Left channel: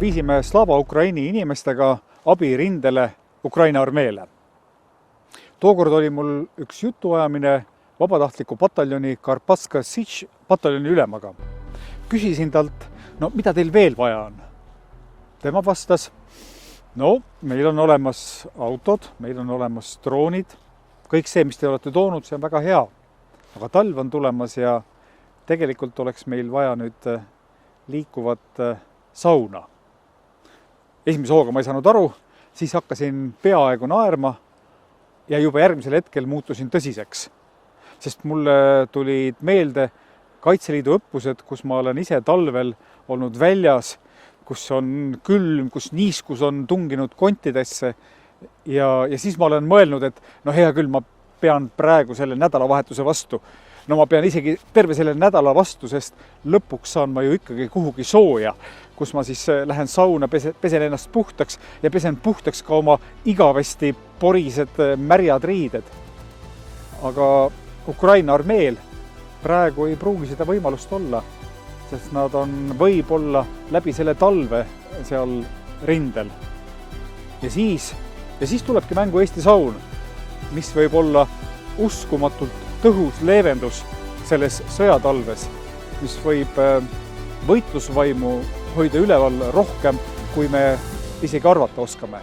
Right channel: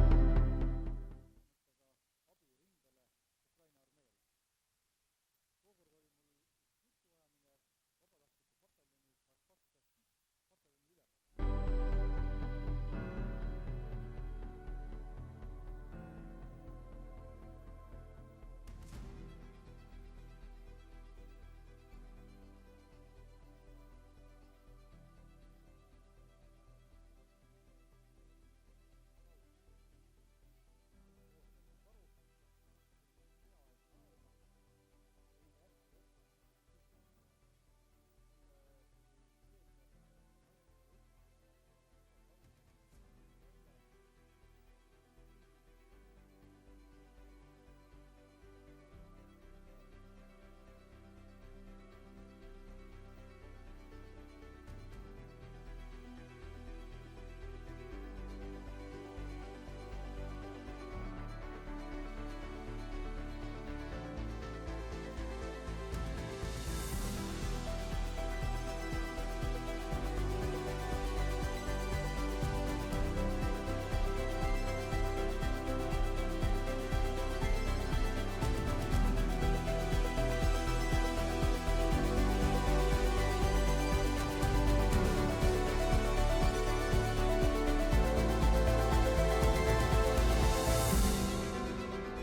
viisime Slava Ukraini inimestega abi rindele Ukraina armeele. Tookord oli mul üks jutuajamine vabatahtliku pataljoni Karpatska Sich pataljoni ülemaga. Küsisin talt, mida teil veel vaja on? Tema vastas, meil on olemas autod, meil on olemas droonid, kõik see, mis te olete toonud, see on väga hea. Aga talv on tulemas ja tegelikult oleks meil vaja nüüd liikuvat sauna. Esimese hooga ma ei saanud aru, siis hakkasin peaaegu naerma ja juba järgmisel hetkel muutusin tõsiseks. Sest mulle tulid meelde Kaitseliidu õppused, kus ma olen ise talvel olnud väljas, kus on külm, kus niiskus on tunginud kontidesse ja siis ma olen mõelnud, et hea küll, ma pean praegu selle nädalavahetuse vastu. Ma pean isegi terve selle nädala vastu, sest lõpuks saan ma ju ikkagi kuhugi sooja, kus ma siis lähen sauna, pesen ennast puhtaks ja pesen puhtaks ka oma igavesti porised märjad riided. Aga Ukraina armeel praegu ei pruugi seda võimalust olla, sest nad on võib-olla läbi selle talve seal rindel. Ja siis tulebki mängu Eesti saun, mis võib olla uskumatult tõhus leevendus selles sõjatalves, mis võib võitlusvaimu hoida üleval rohkem, kui me isegi arvata oskame.